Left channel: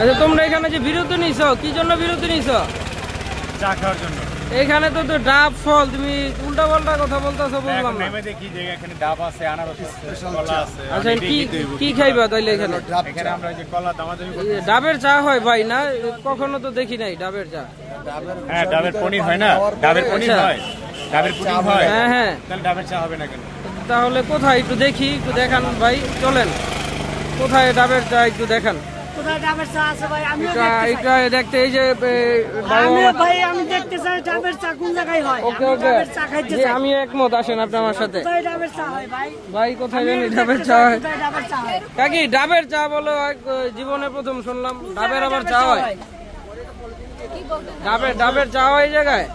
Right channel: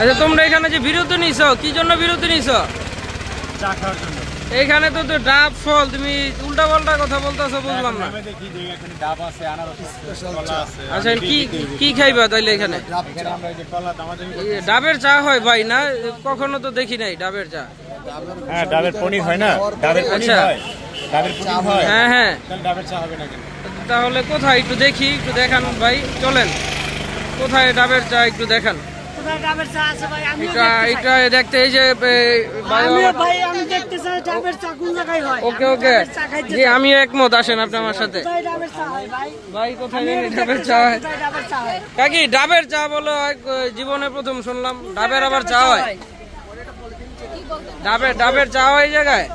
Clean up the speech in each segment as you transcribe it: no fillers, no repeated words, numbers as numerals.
আচ্ছা তোমরা এখানে যে বিরতি নিছো কি জন্য বিরতি নিছো? চা খাওয়ার জন্য। এখানে তো ডাব ফল তুমি উল্টা পাল্টা কথা বলতেছো বুঝলাম না। আমি দেখি যে এখানে ডাব আছে, আনারস আছে, কলা আছে। আচ্ছা কি খাইবা তাইলে এখানে? এখানে আমরা যে কলা দামাদামি করতে ডাবের চা হয় ভাই না? কখনো তো দেখি নাই ডাবের চা। হ্যাঁ ডাবের পনির হয় না? ডাবের পনির হয়। ডাবের পনির হয়। হ্যাঁ হ্যাঁ। তাহলে ডাবের চা হবে না কেন? তাহলে কোথায় একটু দেখি, একটু দেখান ভাই, চলেন কোথায় ডাবের চা একটু দেখান। এটা দেখতে এই যে ওকে ওকে জি আমিও একমত, আসেন আপনি আমার সাথে। ভাই কোথায় ডাবের চা হয়? কাকি ডাবের চা বলো জীবনে প্রথম শুনলাম, ডাবের আবার চা হয়? ডাবের চা হয় এই জায়গায়?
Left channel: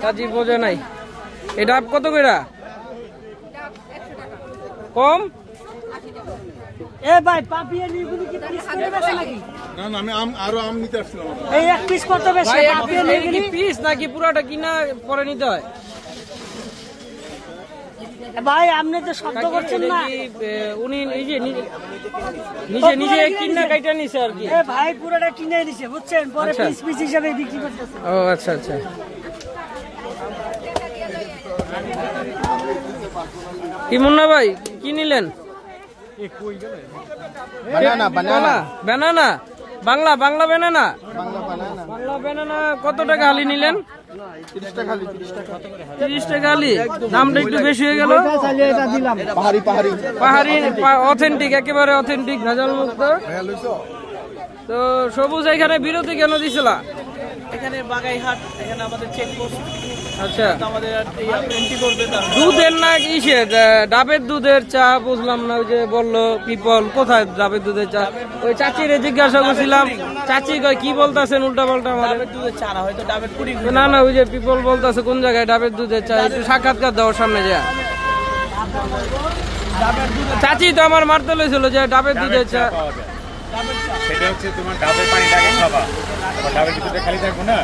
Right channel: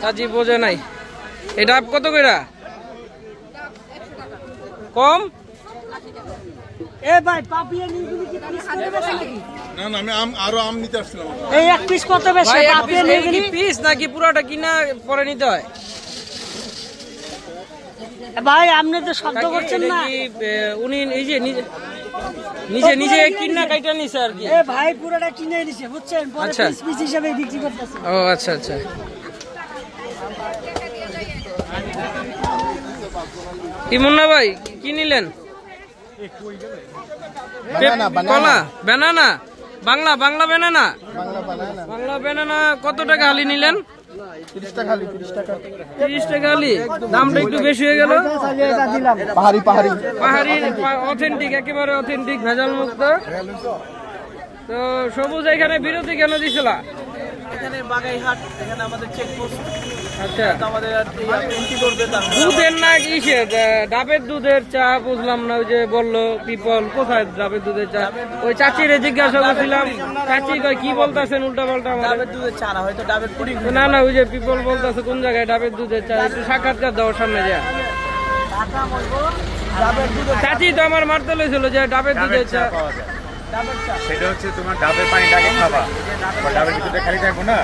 চাচি বোঝে নাই। এই ডাব কত কইরা? কম? পিস নাকি পুরাটা কিনা পরে নিতে হয়? ভাই আপনি তো শব্দ করছেন না। উনি এই যে নিজে কিনা কাইটা নিছে আর কি। ভাই পুরোটা কিনে নিছে বুঝছেন, পরে পিস পিস হিসাবে বিক্রি করতেছে। ও আচ্ছা আচ্ছা। কি মুন্না ভাই কি নিলেন? কলা banana, Bangla banana. Bangla banana কত টাকা হালি নিলেন? 30 টাকা হালি। দামটা একটু বেশি হয়ে গেল। পাহাড়ি অথেন্টিক, একেবারে অথেন্টিক, ভেজাল মুক্ত। তো সবুজ এখানে বিরতি কেন দিছিল? এখানে বাগাইহাট, এখানে আমাদের চেকপোস্ট। আচ্ছা আমাদের এন্ট্রি করবে। দুধের না কিসে? ডাবের দুধের চা বুঝলাম না। ওই যে বললো পিপল, কোথায় ডাবের দুধের চা? ওই চাচিরে জিজ্ঞাসা করছিলাম, চাচি কয় কি বলতেছেন উল্টা পাল্টা? ডাবের দুধের চা না, হয়তো ডাবের পুডিং। না ওই যে পিপল বলতেছে কোন জায়গায় ডাবের দুধের চা, একটু সাক্ষাৎকার দাও সামনে যা। ডাবের দুধের চাচি তো আমার মারতে লইছিল যে ডাবের দুধের চা। সেটা হচ্ছে তোমার ডাবের পানিটাকে খাবা, ডাবের ভিতরে খালি থাকবো না,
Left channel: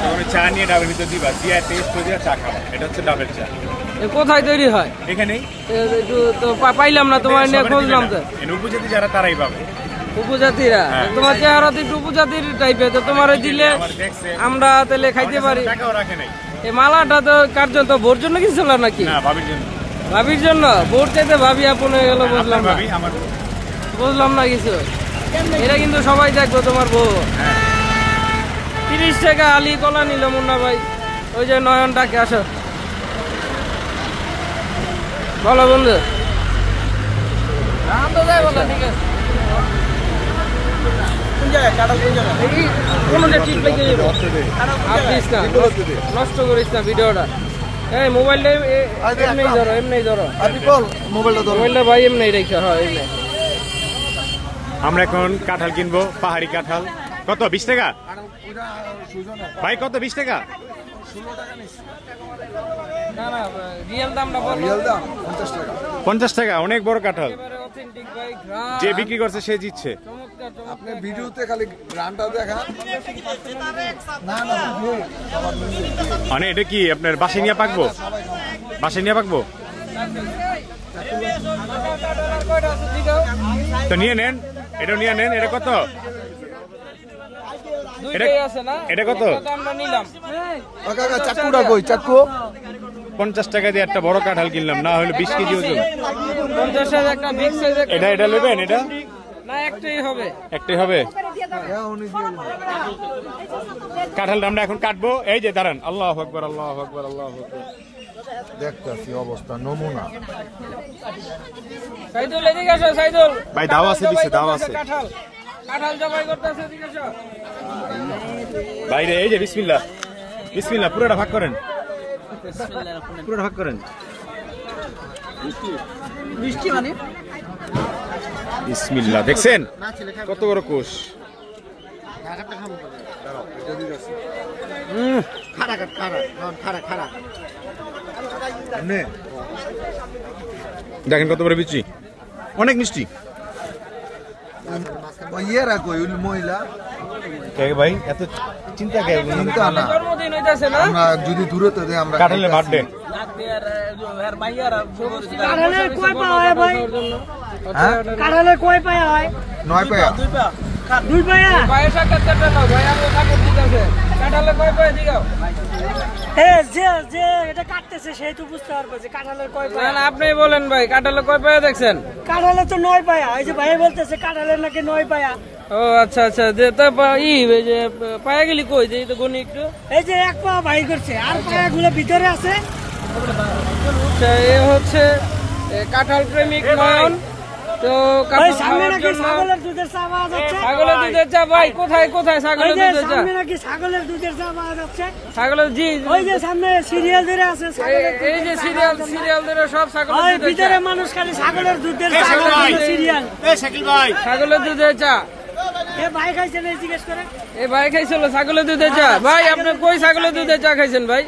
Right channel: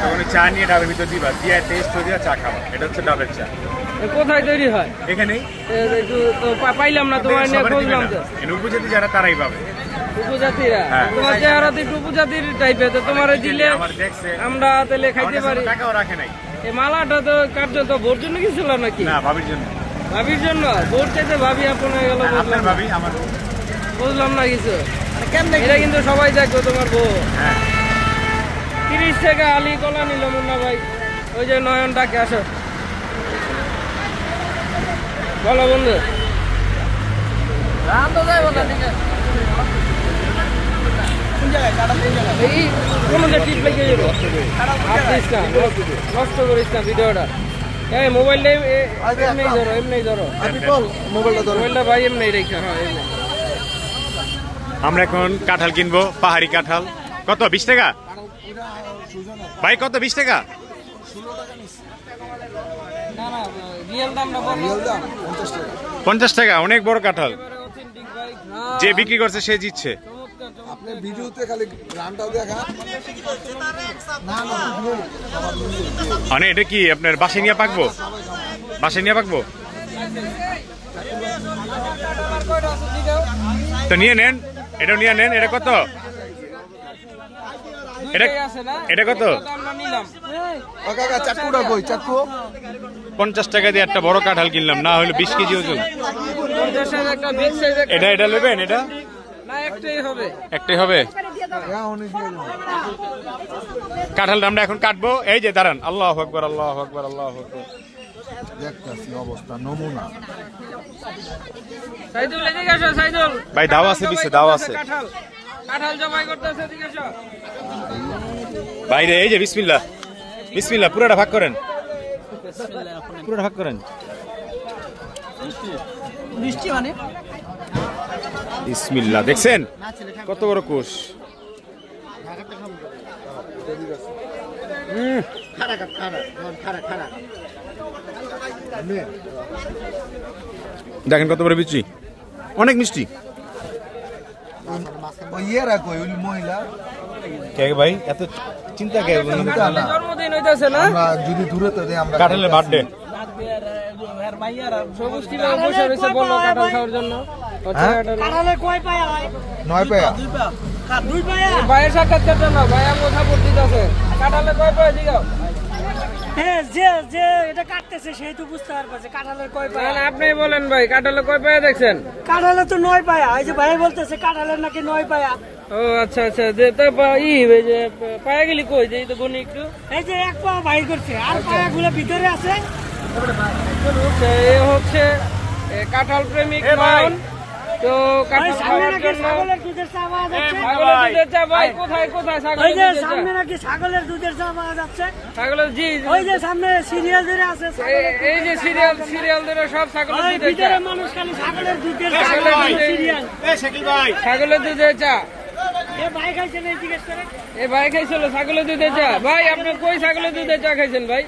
তখন চা নিয়ে ডাবের ভিতর দিবা, দিয়ে টেস্ট করে দিয়ে চা খাবা। এটা হচ্ছে ডাবের চা। কোথায় তৈরি হয়? এখানেই। তো পাইলাম না, তোমার নিয়ে খুঁজলাম তো। উপজাতি যারা তারাই পাবে। উপজাতিরা? তোমার চেহারা তো একটু উপজাতির টাইপের, তো তোমার দিলে আমরা তাহলে খাইতে পারি। টাকাও রাখে নাই। এই মালাটা তো কার জন্য? ভোর জন্য কি ছিল নাকি? না, ভাবির জন্য। ভাবির জন্য? ভোর চাইতে ভাবি আপন হয়ে গেল, বুঝলাম না। বুঝলাম না কিছু। এটা কিন্তু সবাই দেখবো তোমার বউ। 30 টাকা আলি কলা নিল মুন্না ভাই। ওই যে নয়ন ডাকে, আসো বলো বন্ধু। কোনটা টিপ লেগে যাবো? আপনিস না, নষ্ট করিস না ভিডিওটা। এই মোবাইলটা এমনি ধরো মোবাইলটা ভাই, এমনি রেখে। হ্যাঁ আমরা এখন কাঁঠাল কিনবো, পাহাড়ি কাঁঠাল। কত? 20 টাকা ভাই? কত? 20 টাকা? 50 টাকা। অনেক বড় কাঁঠাল। যে বিক্রি করছে সে জিতছে। আপনি ভিডিওতে খালি গ্রানটা দেখা। মানে এটা কি আপনার বাসায় নিয়ে পাকবো? বাসায় নিয়ে পাকবো তো নিয়ে নেন, এটা নিয়ে নেন। এটা কত? এটা কত? 50 টাকা দিয়ে একটা বড় কাঁঠাল কিনলাম, না হলে 20 কেজি ওজন। এটা নেবেন? এটা একটাই হবে। কাঁঠালটা আমরা এখন কাটবো। এই যে দাঁড়ান, আল্লাহু আকবার, আল্লাহু আকবার, আল্লাহু আকবার। দেখতেছি অবস্থা, নমুনা। ভাই দাও আছে, পিছে দাও আছে বাইরে। এই যে বিসমিল্লাহ, বিসমিল্লাহ। পুরোটা ভাগ করেন, পুরোটা ভাগ করেন। বিসমিল্লাহ। দেখছেন কত বড় কোষ? দেখেন কত বড় বিচি, অনেক মিষ্টি। ভাই এত চিন্তা কে? আমরা যদি দূরে তো আমরা কাঁঠালের বার্থডে। কাঁঠালে কয় পায়া হয়? 9 পায়া। 2 পায়া। ভাইয়ের সাক্ষাৎকারটা নাও, ভাই আমার সাপোর্ট দিতেছে। কাঁঠালে কয় পায়া দিগাও? যে এটা কাটতেছে সেই তো বুঝতে পারবে যে কাঁঠালের কয় পায়া। আপনি বলেন ভাই, কাঁঠালে কয় পায়া দেখছেন? কাঁঠালে তো 9 পায়া। এই যে ভাই বলতেছে কাঁঠালের নাকি 9 পায়া। ও আচ্ছা আচ্ছা, যে তারপর এই যে পায়া গেলি কই, যে এই তো গনি একটু। এই যে এক পা ভাই করছে, আর পায়াগুলো ভিতরে আছে। আচ্ছা, এ হচ্ছে কাঁঠাল প্রেমিক নয়ন। তো কাঁঠাল খাওয়ার জন্য ছাগলের দুধের চা পাওয়া যাচ্ছে। ছাগলের দুধের চা ভাই, কোথায় কোথায় ওই ছাগলের যে দুধের চা? সামনে নাকি ছাগলের দুধের চা পাওয়া যাচ্ছে। ছাগলের জি, ওই যে সামনে সিরিয়াল ধরে আছে। এই যে সিরিয়াল ধরে সব ছাগলের ওই দুধের চা। ভিতরে মানুষ খালি ছাগলের দুধের চা সিরিয়াল। ছাগলের দুধের চা। এ ভাই খাইছে না জিজ্ঞেস করে। এই ভাই খাইছিল ছাগলের দুধের চা। ভাই আপনি কই ছাগলের দুধের চা খাইছেন ভাই?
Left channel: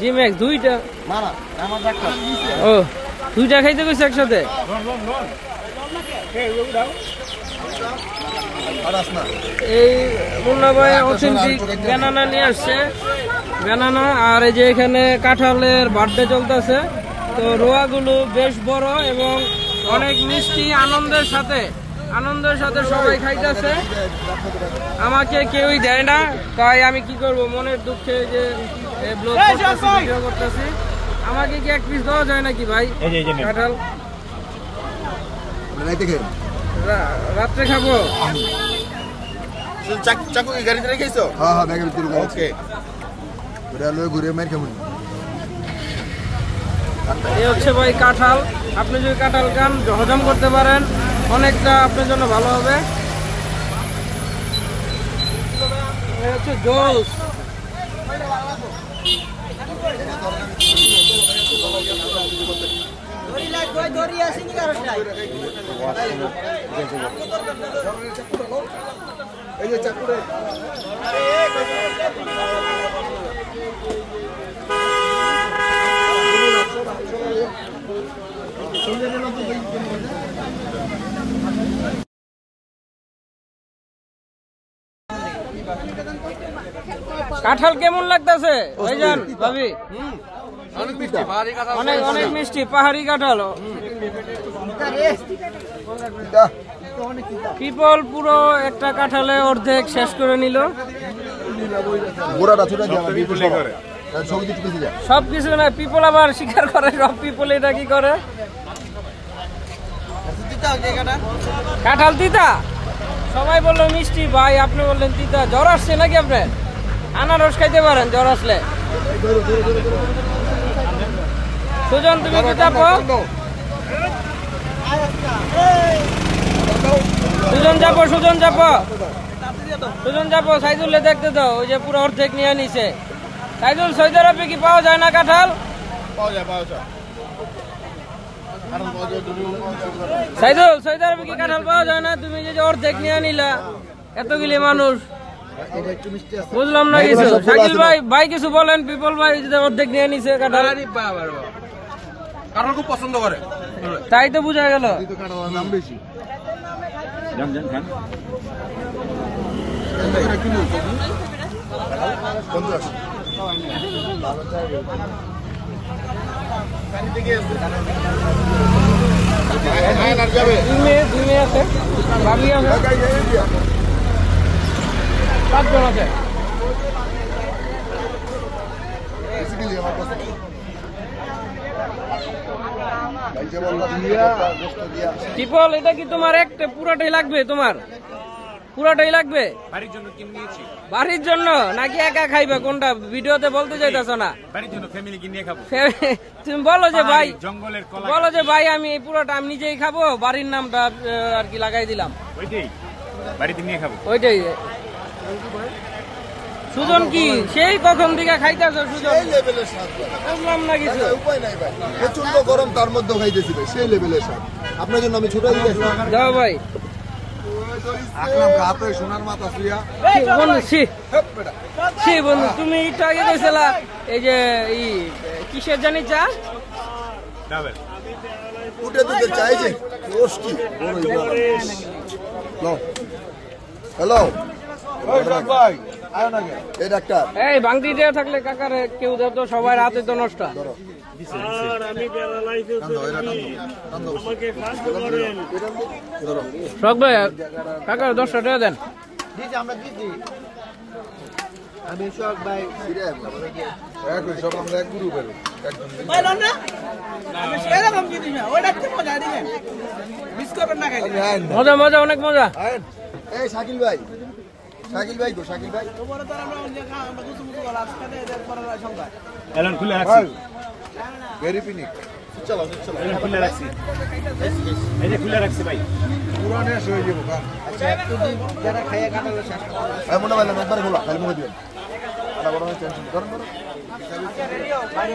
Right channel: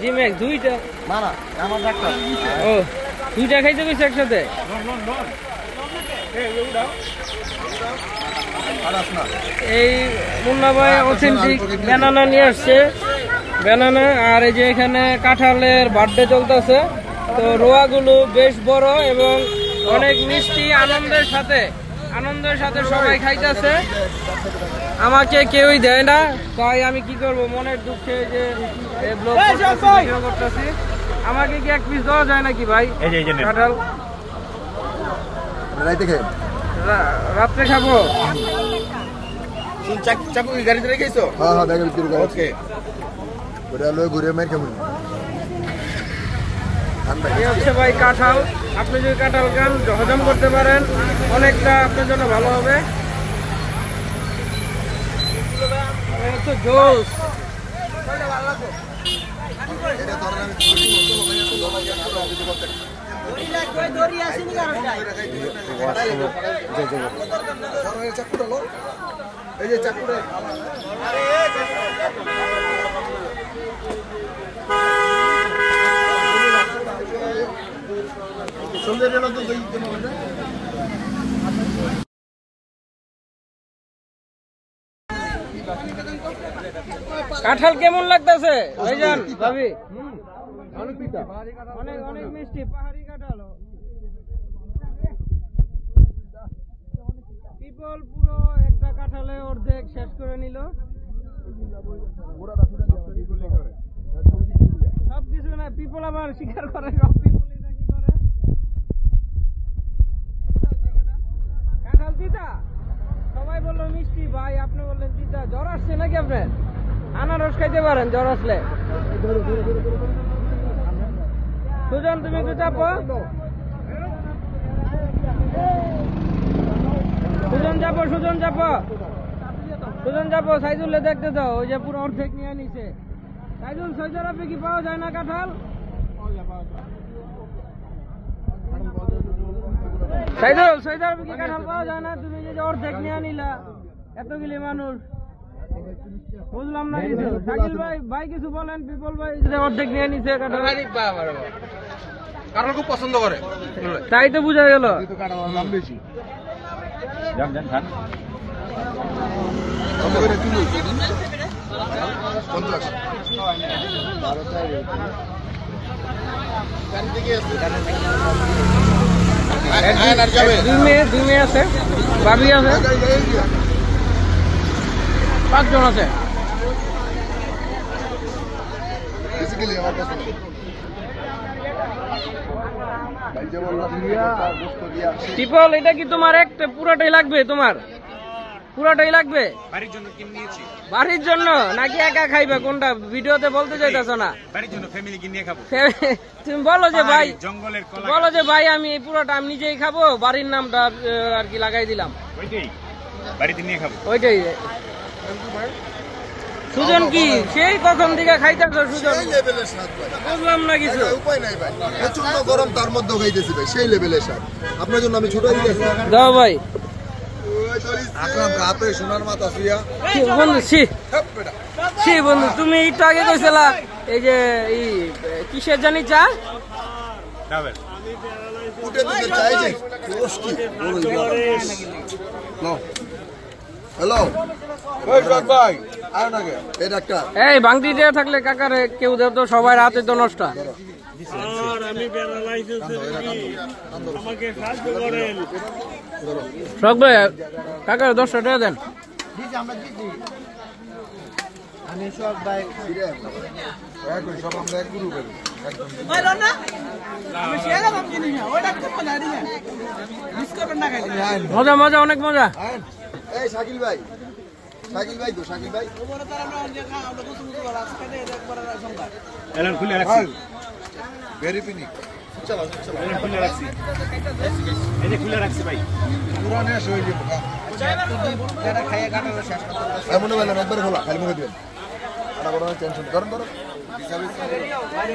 জিমেক্স দুইটা। ও দুইটা খাইতে গেছে একসাথে। এই মুন্না ভাই অথেন্টিক ব্যানানা নিয়ে আসছে, ব্যানানা। আর এই যে এখানে কাঁঠালের বার্থডে চলতেছে, তো রোয়াগুলো বেশ বড় এবং অনেক মিষ্টি। আনন্দের সাথে সবাই খাইতেছে। আমাকে কেউই দেয় না, তাই আমি কি করব, মনের দুঃখে যে ব্লগ করতেছি, ভিডিও করতেছি। আমাকে কি এক পিস দেওয়া যায় নাকি ভাই কাঁঠাল? রাত্রে খাবো। চাকু কি গাড়িতে রেখেছো? হ্যাঁ ব্যাগের ভিতরে। ওকে ওটা লয়ে ঘুরে মেরে খাবো। এই হচ্ছে ভাই কাঁঠাল। আপনি যদি কাঁঠাল খান, হজম করতে পারেন, অনেকটা আপনার জন্য ভালো হবে। এই হচ্ছে জুস। এই যে চাকুরে কাঁঠাল কেমন লাগতেছে ভাইজান ভাবি? অনেক অনেক মিষ্টি, পাহাড়ি কাঁঠাল। পিপল পুরো একটা কাঁঠালে অর্ধেক শেষ করে নিল। সবকিছু না, পিপল আবার স্বীকার করে, সব পিপল এটা কি করে। কাঁঠাল তিতা, সবাই বললো মিষ্টি, ভাই আপনি বললেন তিতা। জ্বর আসছে নাকি আপনার? আনারস খাইতে পারেন জ্বর আসলে। সুজন তুমি একটু চাপো, সুজন চাপো। সাইদুল্লে দেখতে দাও, ওই যে পুরো অর্ধেক নিয়ে নিছে। সাইদুল, সৌদি আরবে কি পাওয়া যায় না কাঁঠাল? সাইদুল, সৌদি আরবে কি কাঁঠাল পাওয়া যায় না? তুমি যে অর্ধেক নিয়ে নিলা, এতগুলি মানুষ, বুঝলাম না কিছু। শাকিল ভাই কিছু বলেন। পিপল ভাই অর্ধেক নিয়ে নিছে কাঁঠাল, কাঁঠাল খুব পছন্দ করে, তাই তো বুঝা গেল। কাঁঠালের দাম বেশি। দুই মেয়ে আছে, ভাবি আছে, 5 জন আছে। পিপল, এটা কি তোমার একটা পুরাটাই লাগবে? তোমার পুরাটাই লাগবে বাড়ির জন্য কিনে নিয়েছি। বাড়ির জন্য নাকি একা খাইবে? কোনটা ভিডিওতে বলতে চাইতেছ না? বাড়ির জন্য, ফ্যামিলি কিনে খাবো। তুমি বলো যে ভাই, জঙ্গলের কলা, বলো যে ভাই আমি এই পুরোটা আমি নিজেই খাবো, বাড়ির নামটা আর কি লাগাই দিলাম, ওইটাই বাড়িতে নিয়ে খাবো। ওইটাই। সুজন কি সেই কখন থেকে খাইতেছ? সুজন বুঝলাম না কিছু। উপায় নাই ভাই, প্রচন্ড গরম, তার মধ্যে খাইতেছি ভাই, সেই লেভেলের স্বাদ। আপনার জন্য আমি ছোট দাও ভাই। আকরাম হাতে সোনার মাথা শুয়া। বন্ধু তুমি একটু আগে কইছিলা এই যে কিসের জানি চা, উঠে দিতে চাই যে রোস্টি হ্যালো ভাই, আয় না গে এই ডাক্তার। এই বাংটি দেওয়া থাকলে কাকারে কেউ দেও তো, সবাই রাতে তো নষ্ট। আর আমি প্যারালাইসিস আমাকে সাহায্য করেন। শখ ভাই কাকা 10 টাকা দেন। আমি সব ভাই একই সব আমরা এক গুরু করি মজা মজা অনেক মজা। এই শাকিল ভাই তো শাকিল ভাই এলান খুলে রাখছি ভেরি পিনিক চলো এলান খুলে রাখছি এই যে খুলে রাখছি ভাই পুরানে এসে হয়ে যাবো যারা খাইয়া কাটালো শেষ আমি মনে হয় একবার খোলা খালি মুখে দিবেন আনা বড় টেনশন করেন ধরো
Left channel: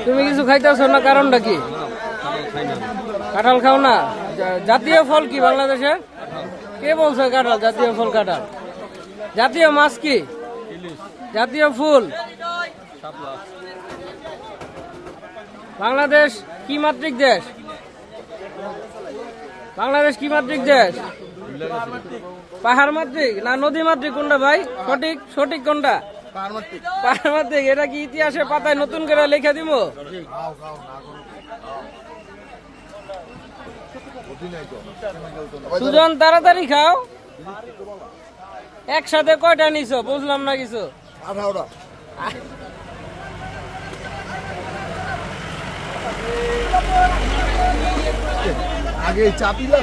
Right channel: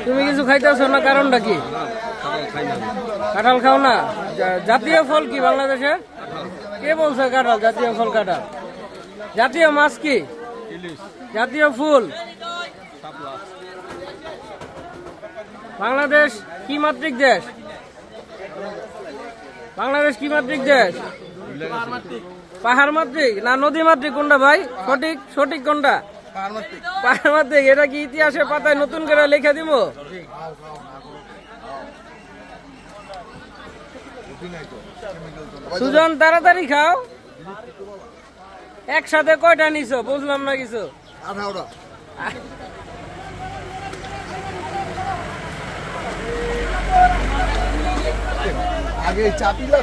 তুমি কিছু খাইতেছো না, কারণটা কি? কাঁঠাল খাও না? জাতীয় ফল কি বাংলাদেশে? কে বলছে কাঁঠাল জাতীয় ফল? কাঁঠাল জাতীয় মাছ কি? জাতীয় ফুল বাংলাদেশ কি মাতৃক দেশ? বাংলাদেশ কি মাতৃক দেশ? পাহাড় মাতৃক না নদী মাতৃক? কোনটা ভাই সঠিক কোনটা? পাহাড় মাতৃক। এটা কি ইতিহাসে পাতায় নতুন করে লেখা দিব? সুজন তাড়াতাড়ি খাও। একসাথে কয়টা নিছো বুঝলাম না কিছু। 18টা আগে চাপিলা